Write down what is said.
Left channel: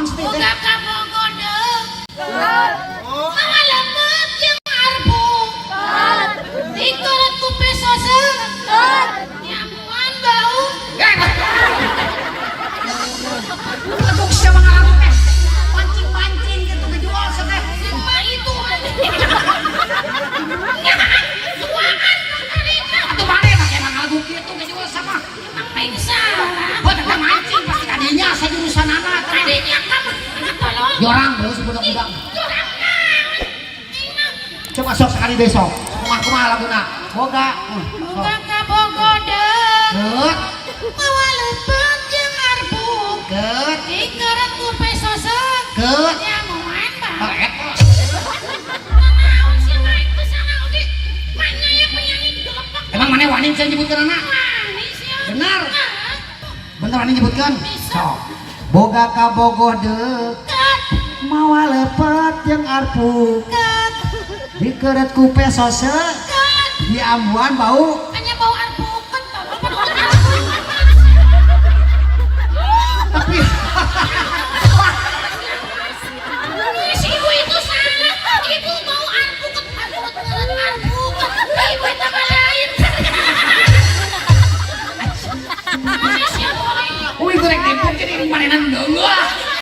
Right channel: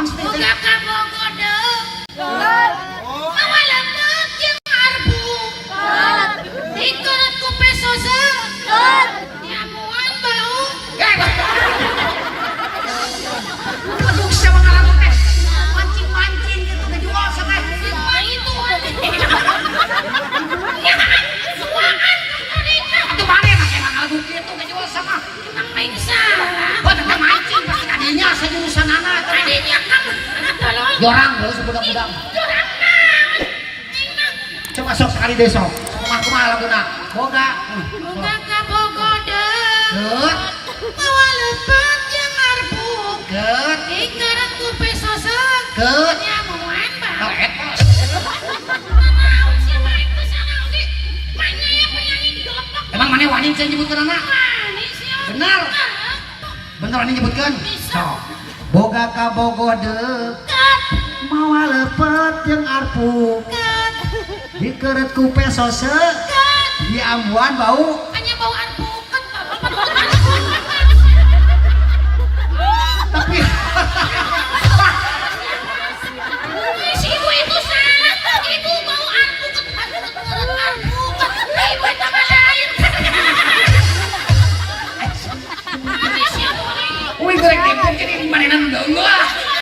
naon sih teh? Boga kabogode. Mawa lembut jeung arbu. Dikeut ku pesose. Nyamuan bau. Aduh siapa ngalamun teh? Mancing-mancing gitu ngejual teh. Semua itu Atuh mane mah emang ngalamun kitu ngejual sama. ngapain salah? Oh teh mancing pasti kadinya sajurusanana teh. Tadinya kamu tolong Jorang geus budak-budak. curang naon? Coba sok sekali deh sok. Kumaha laguna? Boga. Boga kabogode. Geut, Mawa lembut jeung arbu. geut, Dikeut ku pesose. geut. Nyamuan bau. Oh, eta. Naon sih wae teu salah oge. Manya penyanyi digelepak. Emang mana wani bisa nyebutkeun anak? Manis ya. Benar. Bener wani nyebutkeun? Sok. Boga kabogoh deukeut, mawa lepet jeung arpu. Dikeut ku pesose, di ambuan bau. Hanya bau arbukeun tolong. Tapi